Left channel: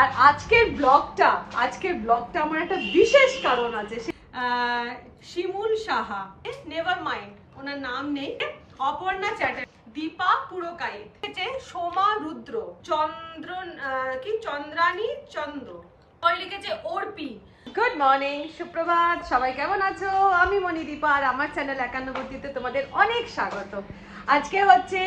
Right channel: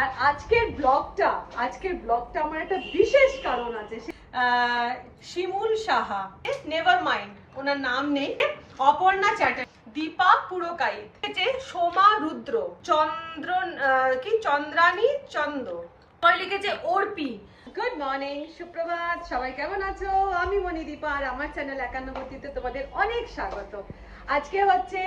আর আজকের ব্লগটা আমার একটা বিশেষ কারণ আছে। শিমুল সাহা, নেভার মাইন্ড ওনার নাম নেই, অপর্ণা চ্যাটার্জি, দীপা পুরকাইত, সোমা রুদ্র, চন্দ্রানী চন্দ, লিখেছে অর্পি। গুড মর্নিং, সুপ্রভাত, সবাই কেমন আছো? আমি মণিদীপা আর আমার চ্যানেল 91 তোমাদের অনেক স্বাগত। আজকে হচ্ছে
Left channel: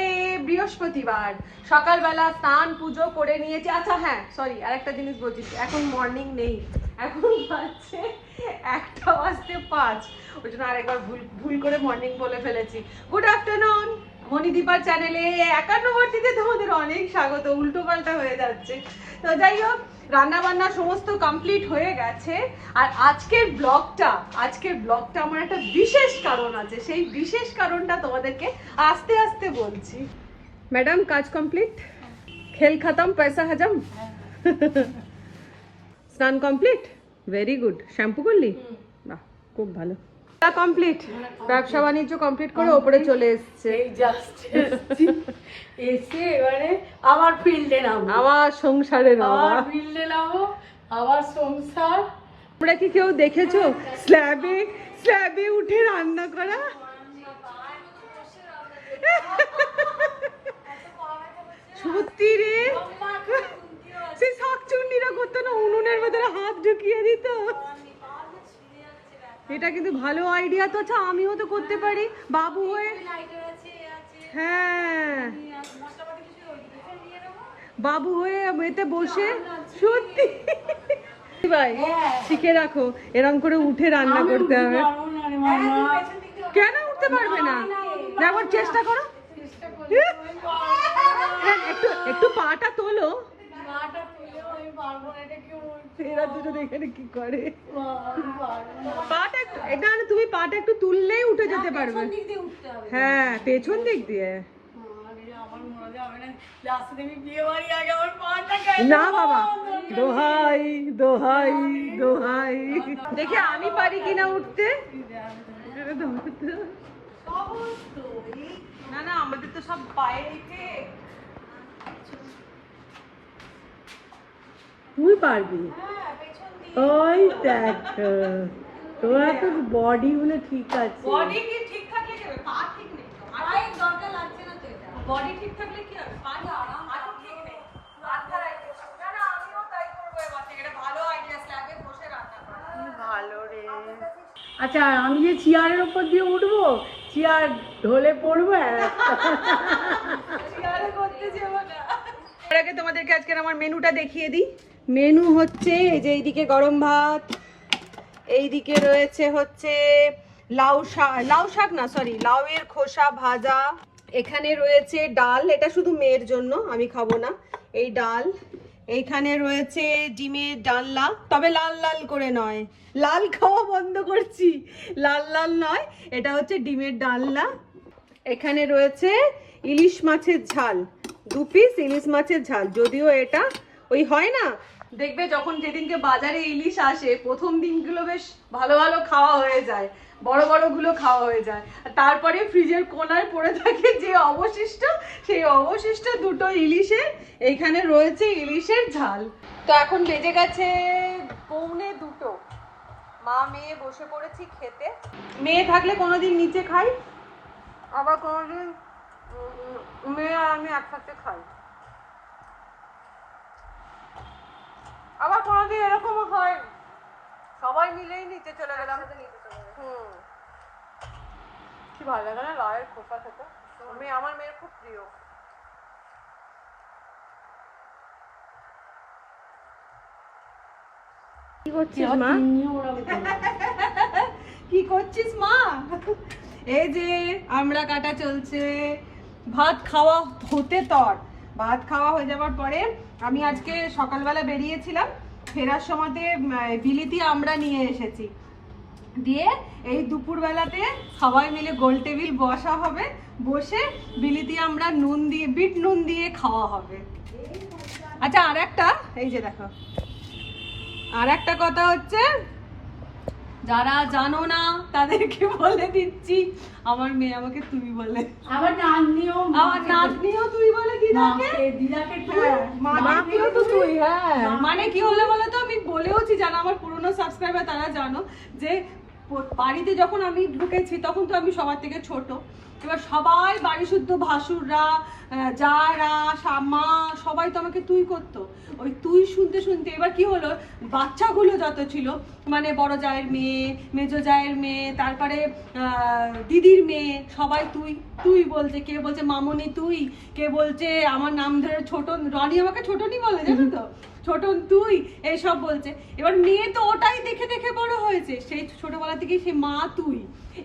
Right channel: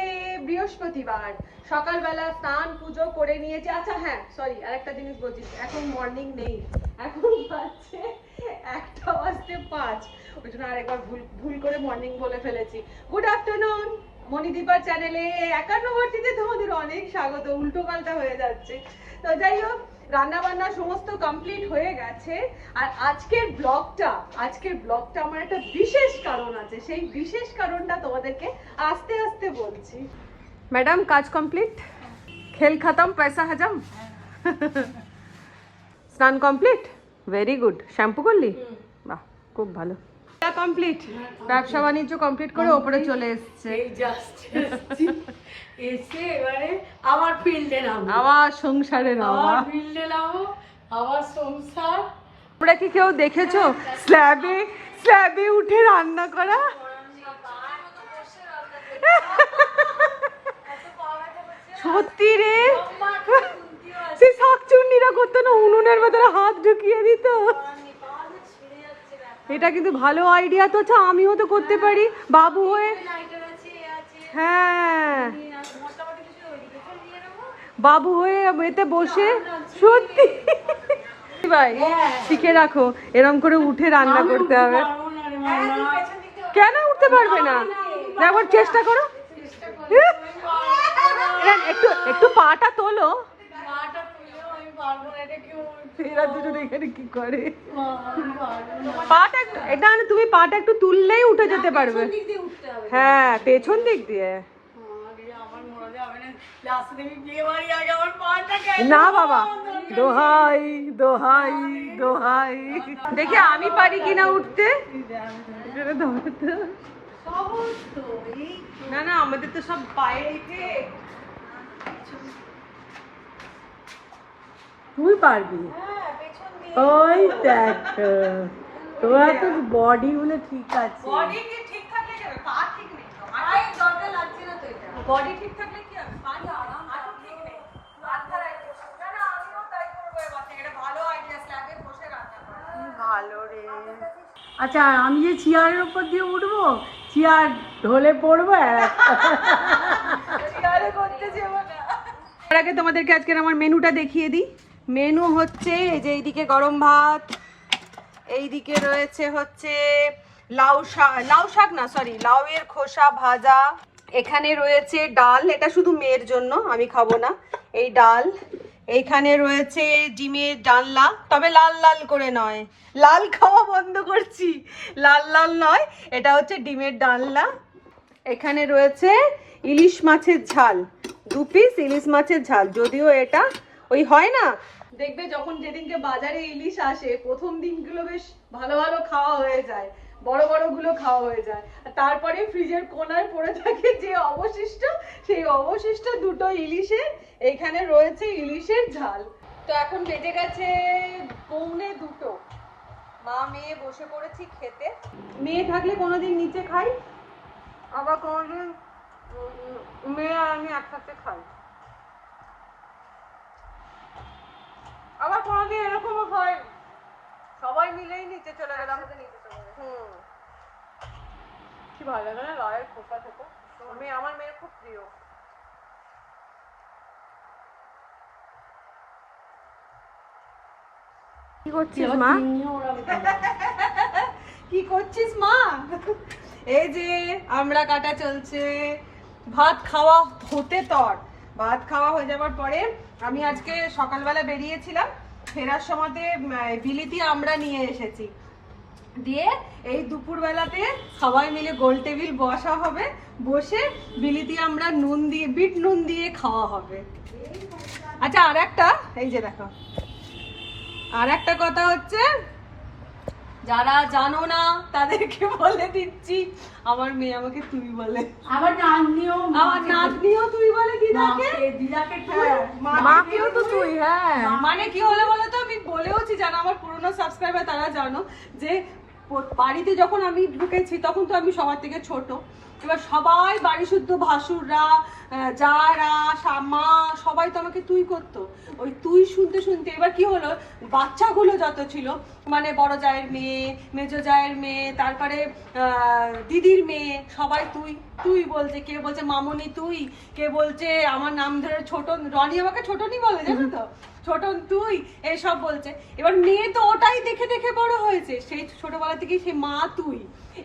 বৃহস্পতিবার, সকালবেলা স্নান পুজো করে নিয়েছি। আচ্ছা হ্যাঁ, সরি, আরেকটা জিনিস বলছি, এখন মর্নিং নেই, এখন হচ্ছে 1:05, ওই জন্য আরেকবার ভুল করে মর্নিং বলে ফেলেছি। গুড আফটারনুন, মণিদীপার চ্যানেলে 91 তোমাদের অনেক স্বাগত। উল্টো পাল্টা হয়ে যাচ্ছে, তো যাই হোক, রান্না বান্না সমস্ত কমপ্লিট হয়ে গেছে। আর আজকের ব্লগটা আমার একটা বিশেষ কারণ আছে, সেই বিশেষ কারণটা তোমাদেরকে আস্তে আস্তে বলছি। ম্যাডাম, কাজ কমপ্লিট, খেল খতম, পয়সা হজম, স্নান কমপ্লিট, ভেরি গুড। শ্যাম্পু করলি? বাহ, খুব ভালো। কমপ্লিট, ব্যবসা বাণিজ্য কমপ্লিট করে ওপরে চলে এসছে। এবারে আবার ফিল্ডে নামবো, আবার সংসারের ফিল্ডে নামবো, আবার সংসার। তোমরা কি কেউ দেখেছো স্ল্যাবে উঠে রান্না করা? সত্যি রে, সে শাকচুন্নিরা করতো না, উনুনের ভেতরে হাত ঢুকিয়ে দিত। এটা কিন্তু ভালো আইডিয়া তো। আচ্ছা, আমিও তো করতে পারি বাবু হয়ে। হ্যাঁ, বাবু হয়ে এতে বসে, সত্যি ভাই শিখে রাখো, এরকম করে উঠে রান্না করতে হবে। কেন উঠতে পারবে না? একবার চেষ্টা করো, একটু পাটা তোলো। তুমি পাটা একটু তুললেই উঠে যেতে পারবে। হ্যাঁ, পেছন দিক দিয়ে। না বাবা, দোহাই দোহাই দোহাই, দেখি আমি পারি কিনা উঠতে। না না, আমাদের তো সব পায়ে রেখে। তুই পারবি? ওই দেখ, তোরা তো বডি গুলো ঠিক আছে। বডি ঠিক থাকলে কি হবে? পা ঠিক নেই তো, পায়ের দরকার লাগছে না তো। এটা বডি ঠিক থাকলে কি হবে? পা ঠিক নেই, মাথা রাখতে। না না, আমিও তাই করবো এবার থেকে। এটা ভালো আইডিয়া, স্ল্যাবে বসে রান্না করা। ভালো রে। আচ্ছা, আমি যে চেয়ারের উপর দিয়ে উঠবো, চেয়ার ঢলে পড়বো, চেয়ারে করতে যাবো না। তার আগে তোমাদেরকে আজকের আমার মেনুটা দেখিয়ে দিই। মেনু হচ্ছে এই যে, এইদিকে গরম ভাত, এইদিকে রয়েছে হচ্ছে লাউ শাক না, সরি, লাউয়ের খোসা ভাজা। এখানে রয়েছে ডাল, এটা শুধু মেয়ের জন্য, আমি খাবো না এই ডাল। এইখানে রয়েছে ডিমের ডালনা, তবে লাল লাল করে নয়, লাল খাওয়া বন্ধ করছি, লাল লাল নয়, এটা হচ্ছে ডিমের ডালনা। এখানে রয়েছে ইলিশ মাছের ঝাল, 2 পিস ইলিশ মাছের ঝাল। যদিও এটা ওই হয় না, দেখবে যখন যেদিনকে বাজারে ইলিশ আসে, প্রথম দিনগুলো বেশ ভালো ভালো খাওয়া হয়ে যায়, বড় বড় গুলো খাওয়া হয়ে যায়, তারপরে ফ্রিজের কোনায় পড়ে থাকে যে অবশিষ্ট, সেই অবশিষ্ট 2টো ইলিশের এইখানে রয়েছে ইলিশের ঝাল। তো এখন বেজে গেছে 1:45, মা মেয়ে বসে পড়েছি খেতে। মেয়ে থাকলে কোনোদিন নিচে খাই, আবার কোনোদিন মেয়ে আর আমি একসাথে খাই, আবার কোনোদিন এরকমও হয় সবাই মিলেই নিচে চলে গেলাম। কি ভালো লাগে না লাউয়ের খোসা খেতে, আমার মেয়ের খুব প্রিয়। কি করছিস মা? কি করছিস মা? এই যে আমরা কাটা চলছে, ভাত খাওয়া হতে তর। ভাত খাওয়া হয়ে যাবার পরে আমি আজকে সকালবেলা বেরিয়েছিলাম, ফেরার সময়তে বিলিতি আমরা নিয়ে এসেছি, দিয়ে এই দুপুরবেলাতে সবাই মিলে গোল টেবিল বসা হবে, বসে বিলিতি আমরা নুন দিয়ে, বিট নুন দিয়ে খাওয়া হবে। আচ্ছা, আর একটা, এই যে দেখো, আর একটা কথা হচ্ছে যারা জানো না তাদেরকে বলে দিচ্ছি, আমার মেয়ে আমাকে তুই বলে। আমার নাতনিও তুই বলে দিদাকে। দিদাকে মাকেও তো তুই, হ্যাঁ। মানে কি হলো বলো তো, আমি বলেওছি, জানো আমার পুরনো সাবস্ক্রাইবার তারা জানো যে বাড়িতে যখন আমি ঢুকেছি তখন তো আমি সবার থেকে ছোট। এবার সবাই বাড়ি শুদ্ধ ভাসুররা, যারা মা সবাই তো আমাকে তুই করতো। ওই তুই শুনতে শুনতে এবার কি হলো, বাচ্চাগুলো যত ছিল, মানে বড় জায়ের মেয়ে, মেজো জায়ের মেয়ে, তারপরে দিদির মেয়ে, সবাই তুই তুই বলছে। কে বলছে মামনি তুই, কে বলছে আমার নাম ধরে ছোটন, রনি আমাকে ছোটনই বলে, জানো তো, ছোটন তুই, এইসব বলছে। এবার মেয়ে তো ওটাই দেখে দেখে বড় হয়েছে, সেই ছোটবেলা থেকেই সেই মা তুই,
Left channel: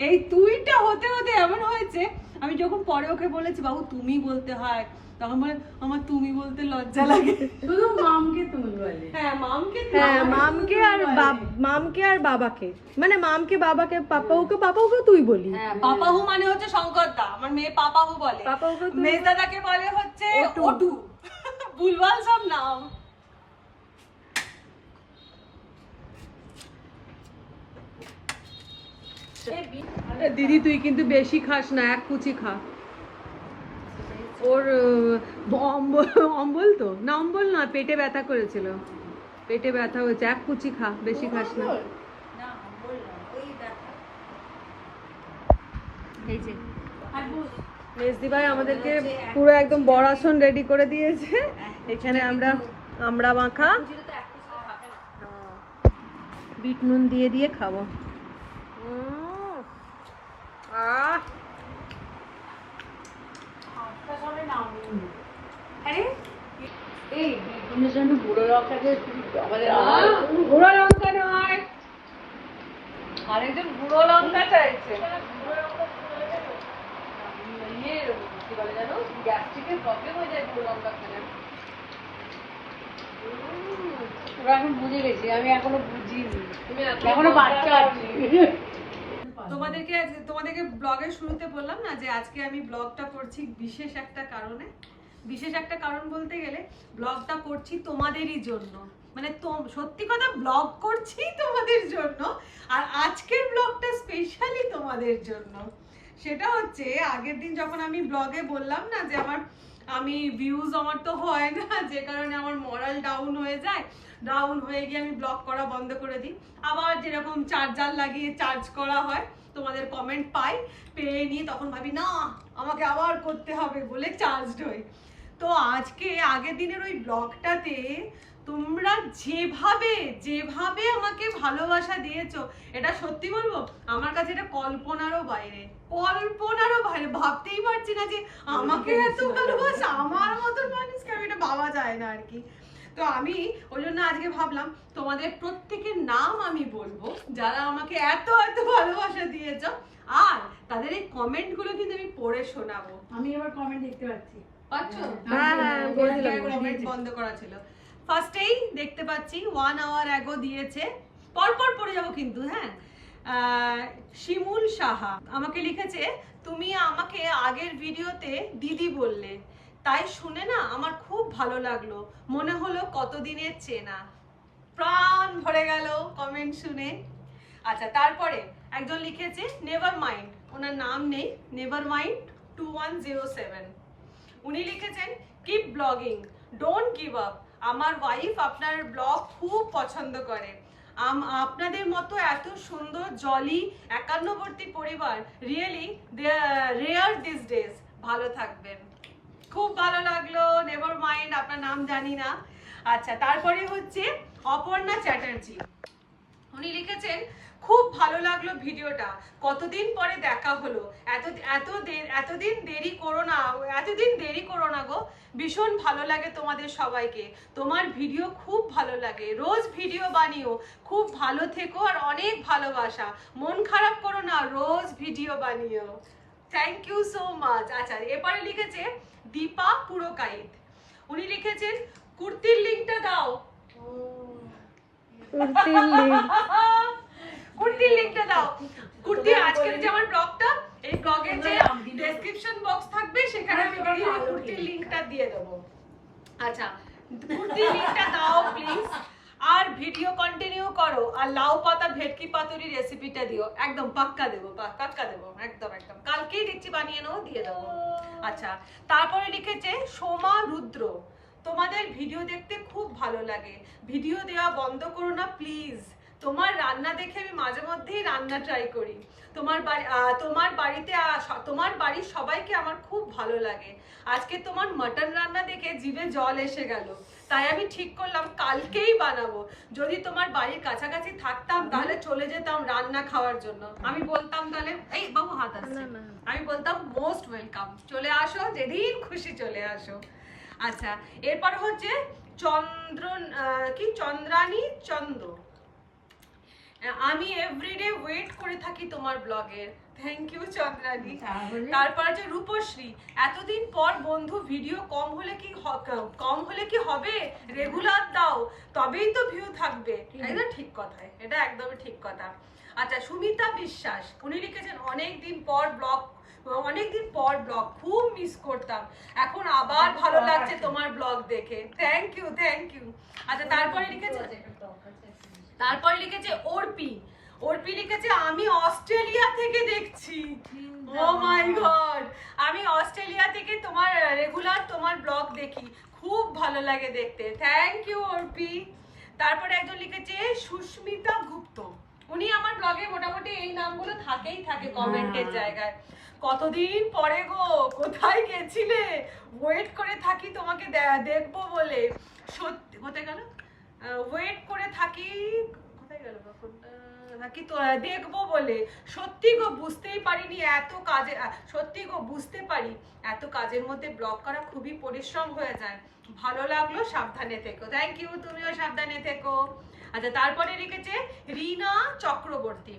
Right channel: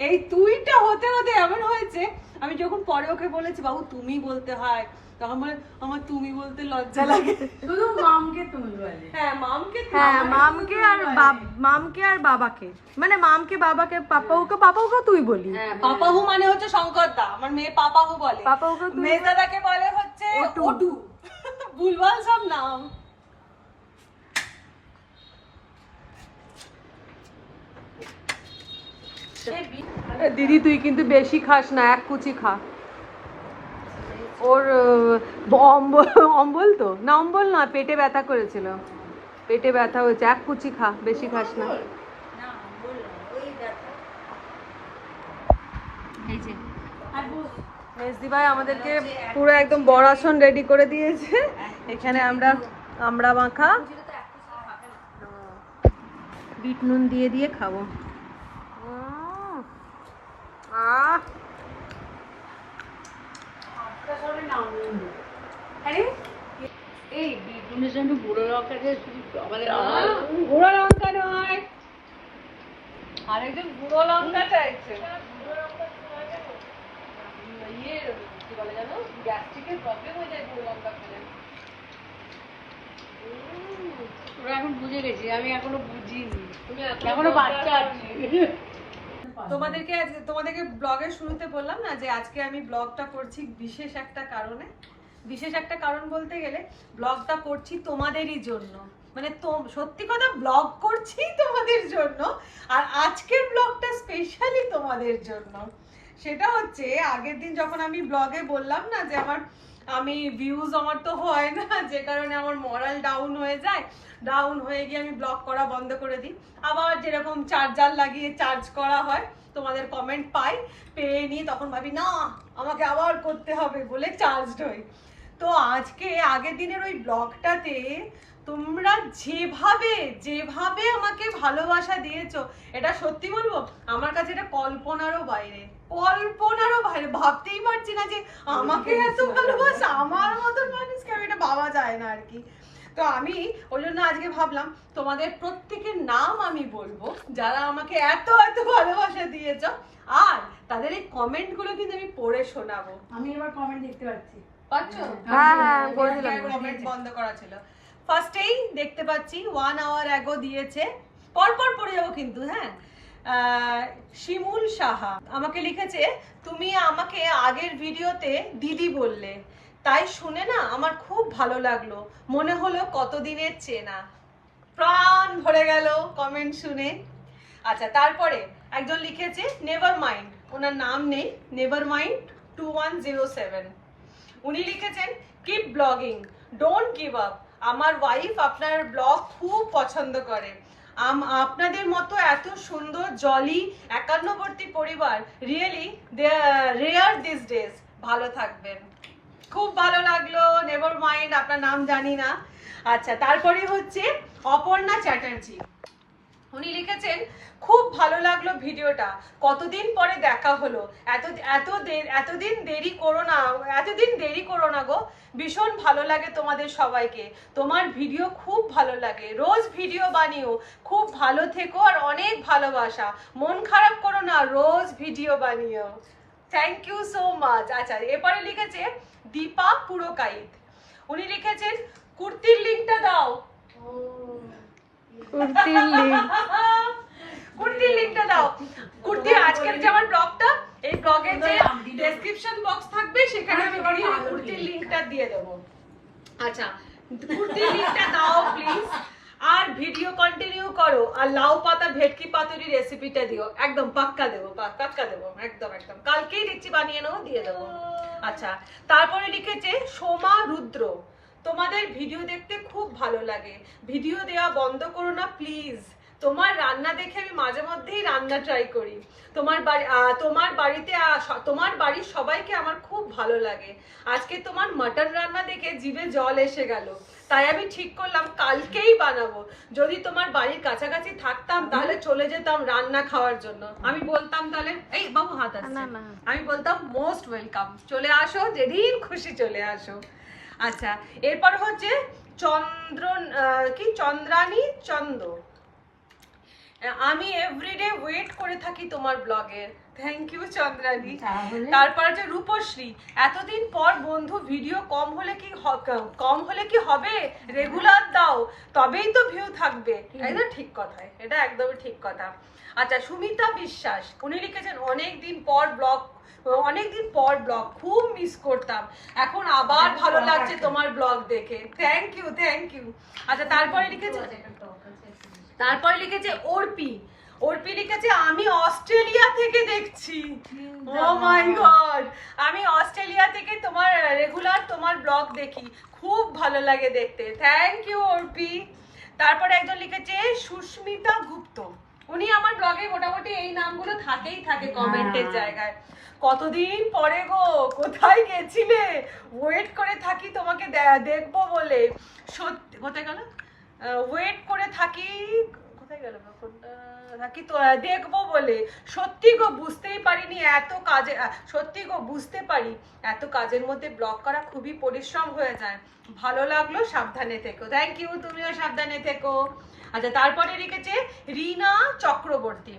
এই তুইটা হতে হতে এমন হয়েছে, আমি যখন পরে ওকে বলেছি বাবু তুমি বলতে হয়, তখন বলে আমার তুমি বলতে লজ্জা লাগে। শুধু মামকে তুই বলে। হ্যাঁ মামকে, হ্যাঁ মামকে আর বাবাকে, মানে মামকে বাবাকে পাপাউকে তুই বলি। হ্যাঁ পাপাহু মানে হচ্ছে শঙ্কর দা, আমার মেয়ে পাপাহু বলে। পাপাহুকে তুই মেয়ে দাদাকে বলে হচ্ছে ওটু, ভুলভাল সব নাম। দিদি তুই কিন্তু বেশি খাস না, এক কুচি খা। ওর অম্বল তো না, অম্বল না, পেটে ব্যথা করেছিল, পেটে ব্যথা হয়েছে, এক কুচি খা, বেশি খাস না। মেজদি ভাই আমাদেরকে পুরো একদম বড়াসন রেডি করে দিয়েছে। এখানে আমরা মাখা বিট নুন দিয়ে দিয়ে খাবো। এই বিটুনের জন্য বুড়ো লঙ্কাকে বুড়ো লঙ্কা নয়, আরেকজন বুড়ো লঙ্কা চাইছে। কি বলে জানো, গ্যাস্ট্রিকের প্রবলেম হয়ে যায় বুড়ো লঙ্কা খেলে। ওরা এখন বুঝে গেছি, আমি এখনো বুঝিনি, এখনো বাচ্চা আছি। তোমাদেরকে ব্লগের শুরুতে বললাম না যে আজকে আমি ব্লগটা করছি বিশেষ একটা কারণে। বিশেষ একটা কারণ বলতে গেলে ব্লগটা করছি তোমাদেরই জন্য, মানে সত্যি কথা ব্লগ করছি তোমাদের জন্য, আর আজকের ব্লগটা স্পেশালি তোমাদের জন্য। সেটা হচ্ছে আগের দিন যখন আমি ব্লগে বললাম না যে আমি ভিউজ আমার তো হয় না, যে কারণে আমার মরাল ডাউন হয়ে যায়, ডাউন হয়ে গিয়ে আমি ব্লগ করা বন্ধ করে দিই। আবার যেরকম চার্জার লাগিয়ে চার্জ করা হয়, তোমাদের কমেন্ট পাই, পেয়ে নিই, তখন ভাবি না আমাকে আবার করতে হবে বলে চার্জড হই। তো আজকে আগের দিনের ওই ব্লগটাতে তোমরা যেভাবে আমাকে ভালোবাসা দিয়েছো, এটা সত্যি বলবো আমার কাছে এটা কল্পনারও বাইরে, ভাবতেই পারছি না যে আমাকে এত ভালোবাসা, আমার মতো মানুষকে, আমি এটা ভাবা যায় না আর কি। তো আমি ওই জন্য আজকে ভাবলাম তোমাদের প্রত্যেকের নাম আমি বলবো যারা আমাকে এত এত ভালোবাসা দিয়েছো, আর তাদের এই কমেন্ট গুলো কিন্তু আমি পড়ে শোনাবো। আমি এবার কমেন্ট দেখতে পাচ্ছি, পাচ্ছো? কমেন্ট বন্ধ করা ছিল। ফার্স্টেই দেখতে পাচ্ছি 1 hour ago দিয়েছে, পরপর পড়ে যাবো কিন্তু, হ্যাঁ। শিমুল সাহা আমাকে লিখেছে, তুমি আমাকে আগের ভিডিওতে দিদি বললে, তাই শুনে না আমার খুব ভালো লাগলো, মনে হলো কতদিনের চেনা। প্রাণ ভরে গেল কমেন্ট শুনে। আচ্ছা তারপরে একজন লিখেছে নেভার মাইন্ড, ওনার নাম নেই, নেভার মাইন্ড 2107, উনি লিখেছেন keep blogging, don't give up, আমার ওয়াইফ আপনার ব্লগ খুব পছন্দ করে, আপনাদের মতো এত সুন্দর জলি একান্নবর্তী পরিবার রিয়েলি রেয়ার দিস ডেজ, ভালো থাকবেন। খুব ভালো লাগলো, নেভার মাইন্ড, আপনার নাম জানি না। আচ্ছা তারপরে হচ্ছে অপর্ণা চ্যাটার্জি, উনি লিখেছেন খুব ভালো লাগলো ভিডিওটা, কতদিন পরে দেখা হলো, এতদিন দেরি করো না গো, ভীষণ ভালো লাগে তোমাদের সবাইকে, তোমার ভিডিও খুব ভালো লাগে, রোজ ভিডিও বানিও, খুব ভালো থেকো আর অনেক ভালোবাসা, মন খারাপ করো না, রোজ ভিডিও বানিও। Thank you so much. আচ্ছা এরপরে লিখেছে দীপা পুরকাইত, উনি লিখেছেন কুর্তির লিঙ্কটা দাও, কুর্তির লিংকটা দাও, কুর্তি আজকের যে আমার ব্লগটা, এই ব্লগের যে ডেসক্রিপশন বক্স থাকবে সেখানে আমি কুর্তির লিংকটা দিয়ে দেবো। আচ্ছা কুর্তির লিংকটা দাও প্লিজ, আর ভিডিও কন্টিনিউ করো, আর লাউ পাতা ভেটকি পাতুরি রেসিপিটা দিও, একদম পাক্কা দেবো, পাক্কা দেবো, একদম একদম কালকেই দেখছি বানিয়ে নেবো, দিয়ে দেবো। আচ্ছা, তারপরে লিখেছে সোমা রুদ্র, তোমাদের ভিডিও দেখতে খুব ভালো লাগে, ভিডিও দেওয়া বন্ধ করো না প্লিজ, তোমার রান্না দেখে আমি মাঝে মধ্যেই রান্না ট্রাই করি, তোমার বাড়িতে তোমার বাড়ির সবাইকে আমার খুব ভালো লাগে, আজকে তোমার মাটন রান্না দেখে জিভে জল এসে গেল, তাই আমি ঠিক করলাম কালকেই বানাবো, যদি তোমার বাড়ির কাছাকাছি থাকতাম তাহলে চলে যেতাম রান্না খাওয়ার জন্য, আমি বলতাম তাহলে এই বাবু হাত আসছে, আমি বলতাম মোস্ট ওয়েলকাম, চলে আসো, যেদিন খুশি চলে আসো। আচ্ছা, এরপর হচ্ছে চন্দ্রানী চন্দ, আমি এভরিডে ওয়েট করে থাকি তোমার ব্লগের, থ্যাংক ইউ চন্দ্রানী। তারপর হচ্ছে রূপশ্রী, এতদিন পর বন্ধু, ভিডিও কম হলে কি হবে, রেগুলার দাও তবেই তো ভিউ থাকবে, একদম ঠিক কথাই, এটা একদমই ঠিক কথা। আচ্ছা, সুমিতা বিশ্বাস, উনি লিখেছেন অনেকদিন পর ব্লগ খুব মিস করতাম, এখন আবার ভালো লাগছে তোমার ব্লগ দেখে, থ্যাংক ইউ। আচ্ছা, তারপরে লিখেছে অর্পি লিখেছে আমি অস্ট্রেলিয়া থেকে দেখছি, ও মাই গড, আমি অস্ট্রেলিয়া থেকে রেগুলার তোমার ব্লগ দেখি, খুব ভালো লাগে দেখতে, থ্যাংক ইউ অর্পি। তারপরে একজন লিখেছে সুস্মিতা গুপ্ত, উনি আমার ব্লগে মোটামুটি এই নামগুলো থাকে কমেন্টের জায়গায়, কতদিন পরে গো, কোথায় গেছিলে, ওয়েট করে থাকি তোমাকে দেখবো বলে, সত্যি কোথায় গেল, ওয়েট করে থাকি, কোথায় গেল থাকি তো দেখবো বলে, সত্যি গো বুঝতেই পারিনি এত কাজের মধ্যে ব্লগ করা খুবই পরিশ্রম হয়ে যায়, ভালো লাগলো, সাবধানে থেকো, থ্যাংক ইউ, তুমিও সাবধানে থেকো। আচ্ছা, তারপরে লিখেছে রিনা চক্রবর্তী,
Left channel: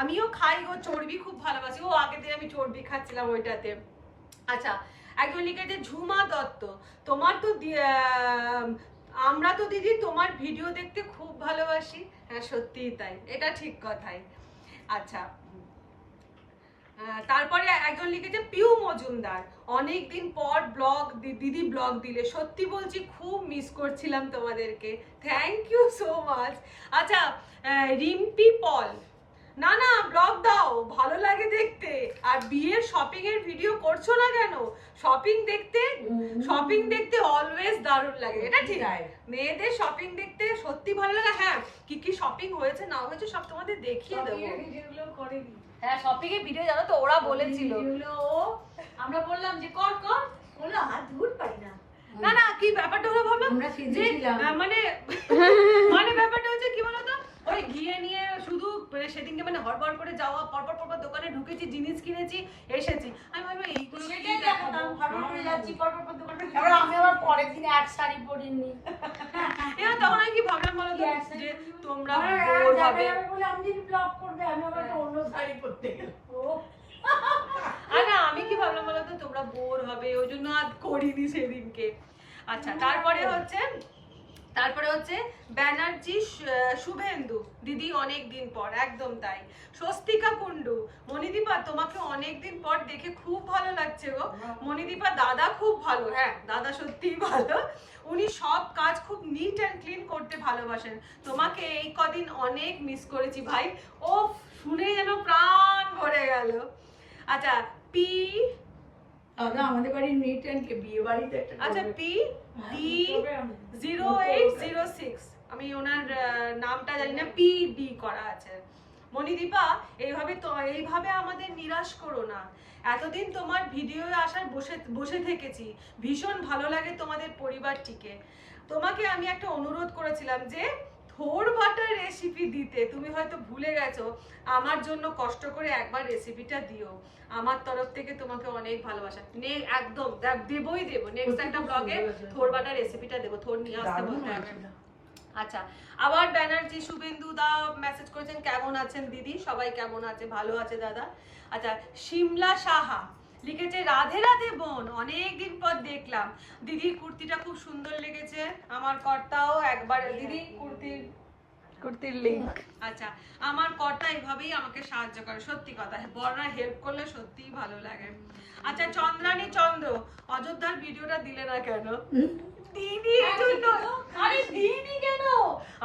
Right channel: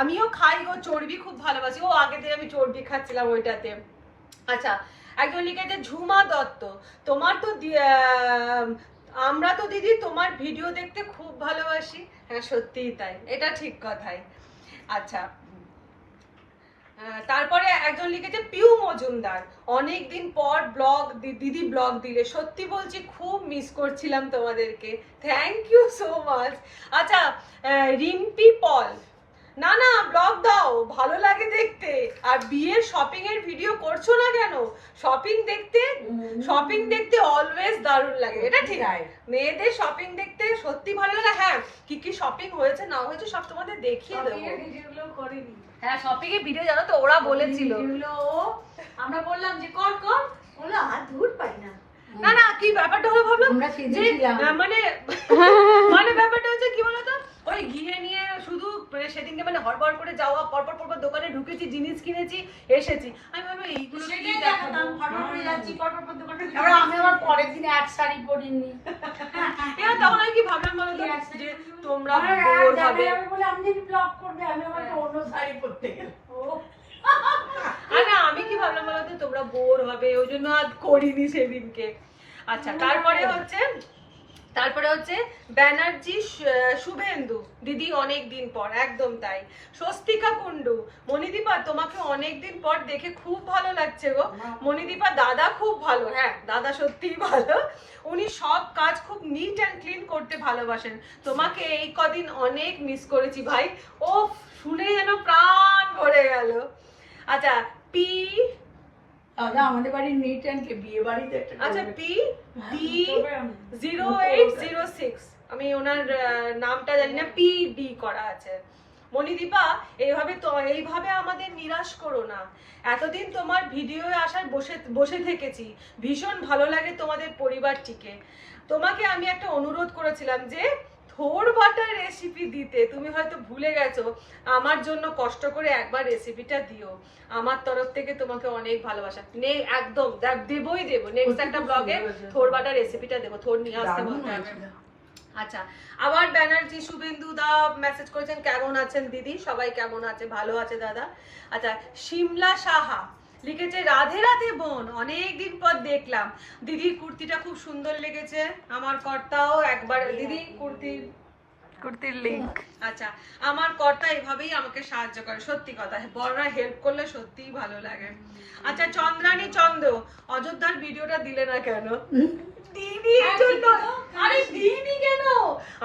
আমিও খাই গো চর্বি, খুব ভালোবাসি, ও আগে থেকে আমি চর্বি খাচ্ছিলাম ওইটাতে। আচ্ছা, একজন লিখেছে ঝুমা দত্ত, আমরা তো দিদি তোমার ভিডিও দেখতে খুব ভালোবাসি, হ্যাঁ সত্যিই তাই, এটা ঠিক কথাই। আচ্ছা, তারপরে একজন লিখেছে পিউ মজুমদার, অনেকদিন পর দিদি ব্লগ দিলে, সত্যি বলছি খুব মিস করছিলাম তোমাদেরকে, থ্যাংক ইউ সো মাচ। আচ্ছা, রিম্পি পল, না ব্লগ দাও, ভালো লাগে দেখতে, আর বিয়ের শপিং এর ভিডিও করছো না কেন, শপিং দেখতে অলওয়েজ দারুণ লাগে, এটা ঠিক, মেয়েদের শপিং দেখতে সত্যি ভালো লাগে, হ্যাঁ কি শপিং হয়েছে না হয়েছে সব তোমাদের দেখিয়ে দেবো, হ্যাঁ শপিং এর ভিডিও জানো তো ওরা বলেছিল, আমরা বললাম যে কর বললো আর দূর পাই না, না কি ব্যাপারটা হলো ভাবলাম যে মানে ব্যাপারটা হচ্ছে কি বলতো, ওই গিয়ে নিয়ে শুধু সেদিনকে মানে হড়বড় করে যাওয়া, পরপর দোকানে ঢুকেছি, জিনিস কিনেছি, এসেছি, আমি ভাবলাম এইগুলো আমি আবার পরের দিন এক শাড়ি পরিনি, তখন আমি কি ভাবলাম বলো তো, যে তোমরা বোর হবে বলে আমি যদি ব্লগ করবে, আমি আবার অন্য শাড়ি পরতে গেলাম, না আমি কি ভাবলাম বলো তো, তোমরা বোর হবে, ওই জন্য আর করিনি সেদিনকে। আচ্ছা, তারপরে হচ্ছে ব্যানার্জি শুভেন্দু, দিদি অনেক দিন পর, একদম তাই। স্বস্তিকা কুন্ডু, মণিদীপা তোমাকে অনেক দিন পর দেখে খুব ভালো লাগছে গো, মণিদীপা দাদা খুব ভালো, হ্যাঁ দাদা সত্যিই ভালো, উনি সব কাজ খুব নিট অ্যান্ড ক্লিন করতে ভালোবাসেন, তোমাকে এই কদিন অনেক মিস করেছি ভাই, ও শুনে যেন প্রাণ ভরে গেল। আচ্ছা, আমাদের বাড়ির নিট অ্যান্ড বিয়ে বাড়িতে আচ্ছা PD0806, আমি ওনার নামটা জানি না, PD করা আছে। মণিদীপা, এইভাবে আমাদের নিরাশ করো না, এতদিন তোমার ভিডিও আসার বসে থেকেছি, ভীষণ ভালো লাগে তোমাদের পরিবারটিকে, তোমাকে আমি একটা অনুরোধ করেছিলাম যে থোর বাটার রেসিপি দিতে, তুমি হয়তো ভুলে গেছো, আমার জন্য কষ্ট করে একবার রেসিপিটা দিও, আমার তরফ থেকে তোমাকে অনেক ভালোবাসা, একদম দেবো, নেক্সট একটা ব্লগে থোর বাটার রেসিপিটা দেবো, থোর নিয়ে আসতে বলতে হবে। আচ্ছা, আবার ব্যানার্জি শুভেন্দু দা মেসেজ করেছেন, কেমন আছেন দিদি, সবাই কেমন আছে, ভালো আছে দাদা। আচ্ছা, শিমলা সাহা লিখেছে রাধে রাধে বোন, অনেকদিন পর দেখলাম, দিদির কুর্তিটা খুব সুন্দর লেগেছে, আমার কর্তাও একবার দিদি কুর্তির লিংক। আচ্ছা, আমার কর্তা এভাবেই আমাকে সাহায্য করে, সত্যি কথা, বড়রা হেল্প করলে সত্যিই ভালো লাগে। আচ্ছা, চন্দ্রানী চন্দ্র, অযোধ্যার ভিডিওটা দিলে না কেন, দিইনি এর জন্য। আরে দিইনি কেন?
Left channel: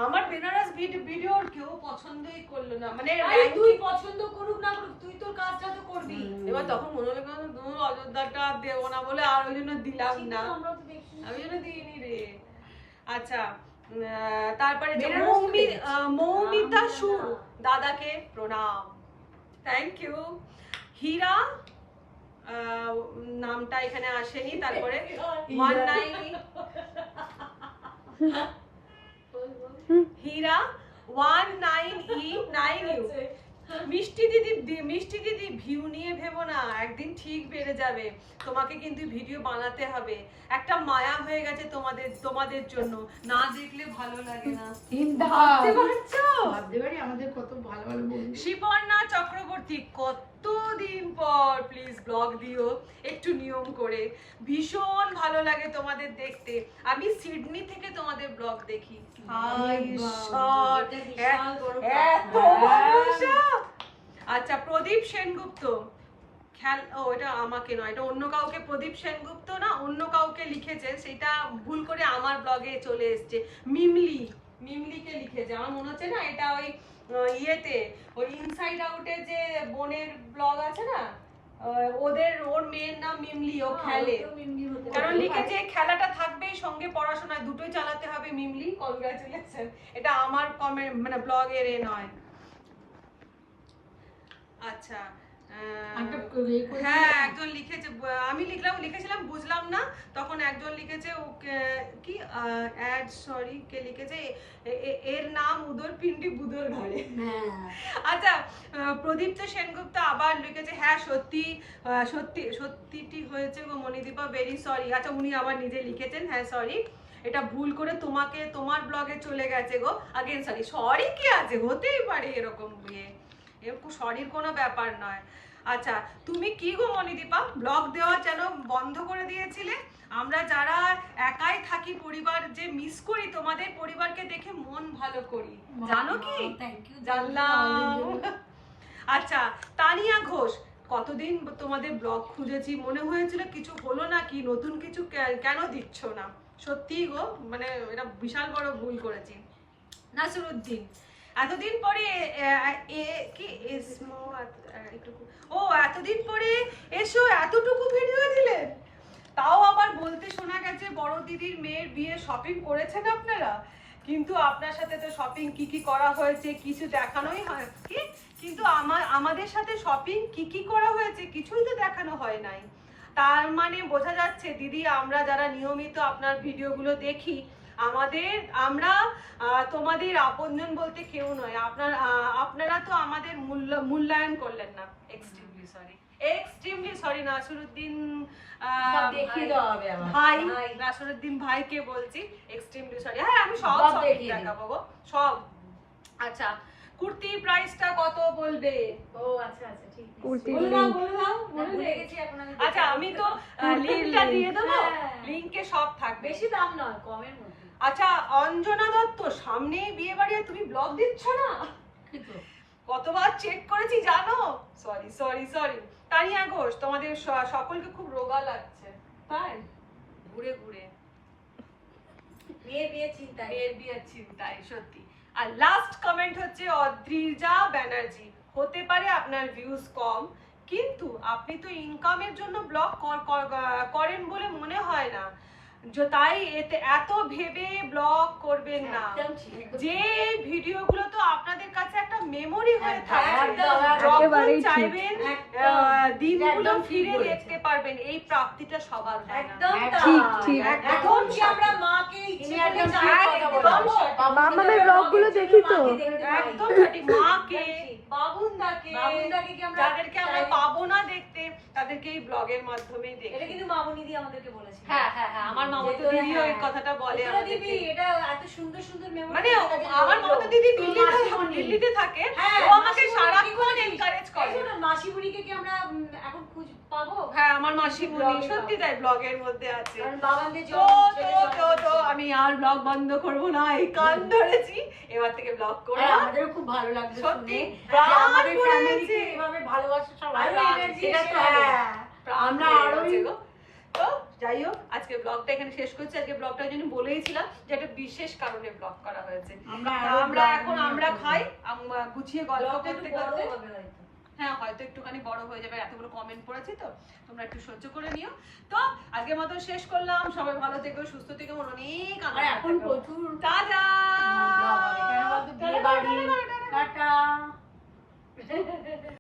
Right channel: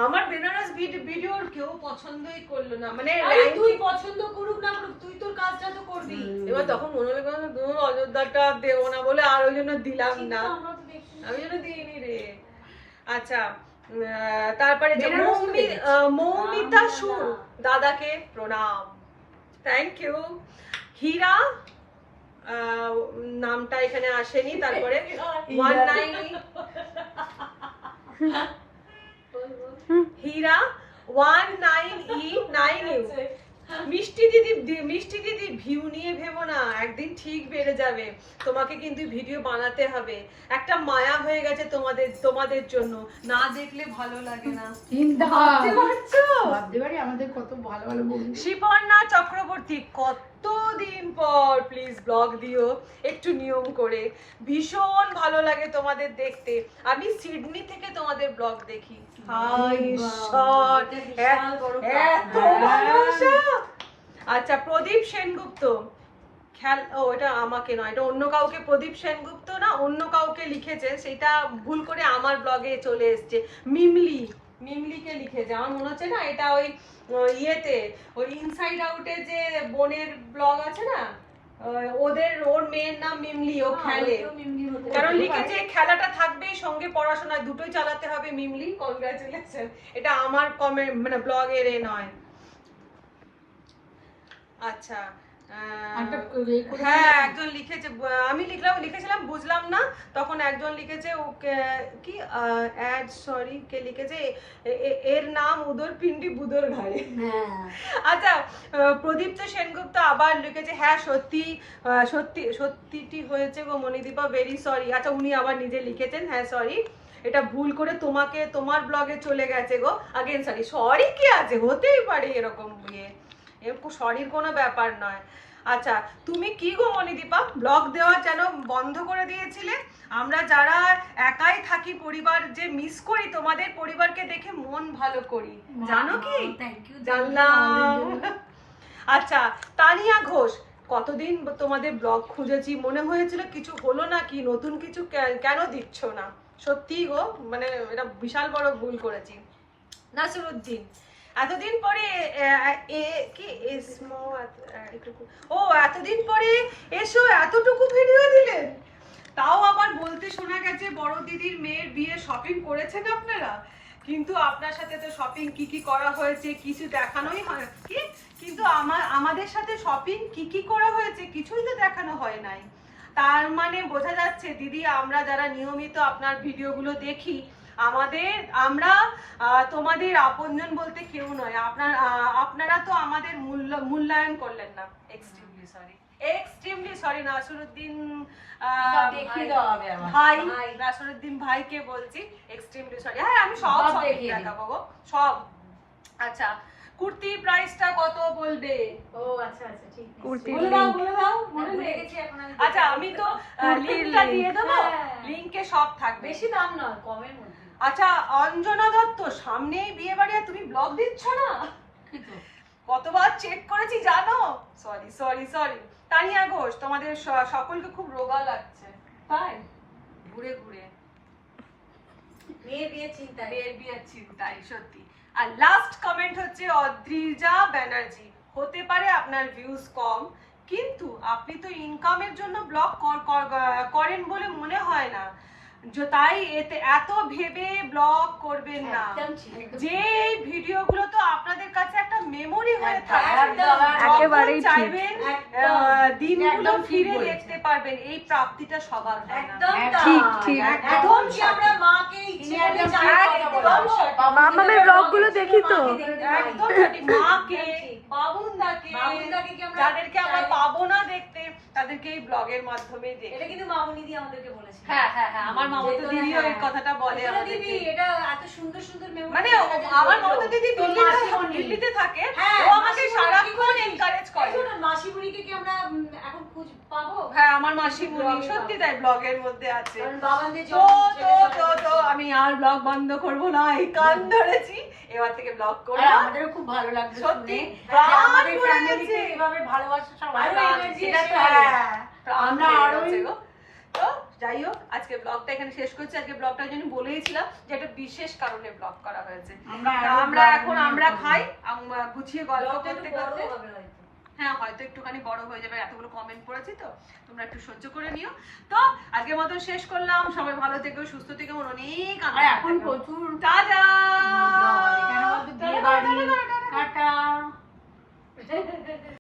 আমার বেনারস ভিডিওর কেউ পছন্দই করলো না, মানে তুই পছন্দ করুক না করুক, তুই তোর কাজটা তো করবি। এবার তখন মনে হলো কেন অযোধ্যাটা দেবো না বলে আর ওই জন্য দিলাম না, আমি জন্য দিইনি রে। আচ্ছা তারপরে মৌমিতা সুর দাদাকে প্রণাম, থ্যাংক ইউ। হীরা নামটা এখানে আসেনি। তারপরে 19 হীরা 19E9U মিষ্টি দিদি ভিউ নিয়ে ভেবো না, একদিন ঠিক বেড়ে যাবে, তোমাকে কিন্তু ভিডিও বানাতে হবে, একটা মায়া হয়ে গেছে তোমাদের জন্য, না দেখলে ভালো লাগে না। ভাবতে পারছো? ভাবতে পারি আমাদের কত ভালো ভালো বন্ধু। শিপর্ণা চক্রবর্তী কতদিন পর প্লিজ ব্লগ দিও একটু নিয়ম করে, ভীষণ ভালো লাগে তোমাদের দেখতে, আমি সিডনি থেকে তোমাদের ব্লগ দেখি। হাই ঈশ্বর, এত ভালোবাসা। আচ্ছা প্রদীপ সেনগুপ্ত এটা আমাকে নয়, এটা অন্য কাউকে, প্রদীপ সেনগুপ্ত না অন্য কাউকে লিখেছে, সেটা ভুল করে আমার ব্লগে চলে এসছে। মিমলিকে লিখেছে, আমার মনে হচ্ছে না এটা ওই ইয়েতে, ওই ইনসাইড আউটে যে বোনের ব্লগ আছে না, ওর মেয়ের নাম মিমলি, ও খেলে, কারণ লিখেছে খেলাটা থাকবেই সঙ্গে পড়াশোনা দুটোই চালাতে হবে মিমলি, কংগ্রাচুলেশন। এটা আমার কমেন্ট মানে ব্লগের এ নয়। আচ্ছা হ্যাঁ একজন লিখেছে, আমি লিখেছিলাম বুঝলাম না, তখন একজন লিখেছে ওকে কি অ্যাড সরি কে লিখেছে এর নাম উদর পিন্ডি বুদর ঘাড়ে। আচ্ছা প্রদীপ্ত সেনগুপ্ত আবার লিখেছে হ্যাঁ সত্যিটি হয়েছে গো মণিদীপা, ভেরি সরি। আচ্ছা উনি আবার নিজে লিখেছেন হ্যাঁ সরি, এটা ভুল করে তোমার ব্লগে চলে গেছে গো, আগেন সরি কি আছে, হতেই পারে এরকম সরির কোনো ব্যাপার নয়। আচ্ছা তুমি কি গো মণিদীপা ব্লগ দেওয়া যেন বন্ধ করে দিয়েছিলে? আমরা যারা একাই থাকি পরিবার যে মিস করি, তোমাদের পরিবারকে দেখে মন ভালো করি, জানো কি? জানলাম। আচ্ছা তানিয়া ঘোষ, কতদিন তোমাদের ব্লগ খুঁজেছি, মনে হয়েছিল কিছু হলো না কি, নতুন কিছু কেন দিচ্ছ না? সত্যি গো, মানে এটা বিশাল বড় ভুল করেছি। নাসিরউদ্দিন, এতদিন পরে এতদিন পরে এসো এতটুকু ভিডিও দিলেন, তাও আমার বলতে শোনা গেছে বড় দিদির মেয়ের বিয়ে শপিং করেছেন আপনারা, কিন্তু আপনার সাথে তো শপিং কি করা হয়েছে কিছু দেখানোই হয় কি, কিন্তু আমাদের সাথে শপিং কি করা হয়েছে কিছুই তো দেখানো হয় নাই। তার মানে বোঝা যাচ্ছে দিদি আমরা যারা নিয়মিত আপনার ভিডিওগুলো দেখি, আমরা তোমাদের আপনজন বলতে কেউ নয়, আপনারা তো আমাদের মূল্যায়ন করলেন না। এক্সট্রিমলি সরি নাসিরউদ্দিন ভাই, নাসিরউদ্দিন ভাইকে বলছি এক্সট্রিমলি সরি। হ্যাঁ আমি সব দেখাবো গো সব। আচ্ছা কুর্তি প্রাইসটা কত বলবে? ও আচ্ছা ঠিক আছে, বলে দাও মনে গেছি এখন। আচ্ছা আমি তো লিংকটা দিয়ে দেবো, লিংকে সব থাকবে, বেশি দাম নয় কমের মধ্যে। আচ্ছা অঞ্জনা দত্ত, সামনেই বিয়ে বাড়ি আর তুমি ব্লগ দিচ্ছ না, কতবার চেক করেছি জানো? সরি। তানিয়া ঘোষ, তোমাদের সকলকে খুব রোগা লাগছে তাই ঘুরে মেয়ের বিয়ের চিন্তায় সত্যি। আর লাস্ট কমেন্ট হচ্ছে অদ্রিজা ব্যানার্জি, হতে পারে আপনার ভিউজ কম, কিন্তু আপনি তো ইনকামের জন্য ব্লগ করেন বলে মনে হয় না, তাই এত ভেবে ব্লগ করবেন না, যে ভিডিওগুলো তো আপনাদের কাছে একটা মেমোরি হয়ে থাকে, যখন চাইবেন দিনগুলো ফিরে দেখতে পারবেন, এই প্রাপ্তিটা সবার হয় না। ঠিক একদম আমরা মাকে আমাদের ব্লগগুলো দেখি তো একদম সঠিক, মাকে বাবুনদাকে যাদেরকে আমরা পাবো না দেখতে, তাদেরকে এই ব্লগের মাধ্যমেই দেখি। এটা কিন্তু মামুনি দি আমাদেরকে বলেছে। হ্যাঁ আমার মামাতো দিদিও এই কথাটা বলে, দিদি এটা এত সুন্দর মেমোরি, মানে আমার মামাতো দিদি দিল্লিতে থাকে, ও আমাকে সারাক্ষণ এনকারেজ করে। মাসিমণিকে কি আমরা এখন খুঁজ পাবো? হ্যাঁ আমার মাসিমণি সত্যি তাই ব্লগের মধ্যে আছে। তো আমি আর ব্লগ বন্ধ করব না, এই কান ধরেছি, এবার থেকে ব্লগ করব। আমাদেরও খুব ভালো লাগছে সত্যি, আমাদের ফ্যামিলিতে এভাবে ভালোবাসা সবাই, সেটা তো আমরা আরো তো যাই হোক আজকে ব্লগটা এখানে শেষ করছি। আজকে ব্লগটার জন্য বলেইছিলাম যে একটা বিশেষ কারণে ব্লগ করা হয়েছে। আমরা খাই, আমরা গুছিয়ে গল্প করতে করতে, হ্যাঁ হয়তো একটুখানি বড় হয়ে যাবে, এতগুলো কমেন্ট পড়েছি তো তোমরা একটু সহ্য করে নিও। তো আজকের মতো শেষ করলাম, সবাই ভালো থেকো, সুস্থ থেকো, অনেক এখন প্রচুর টাটা।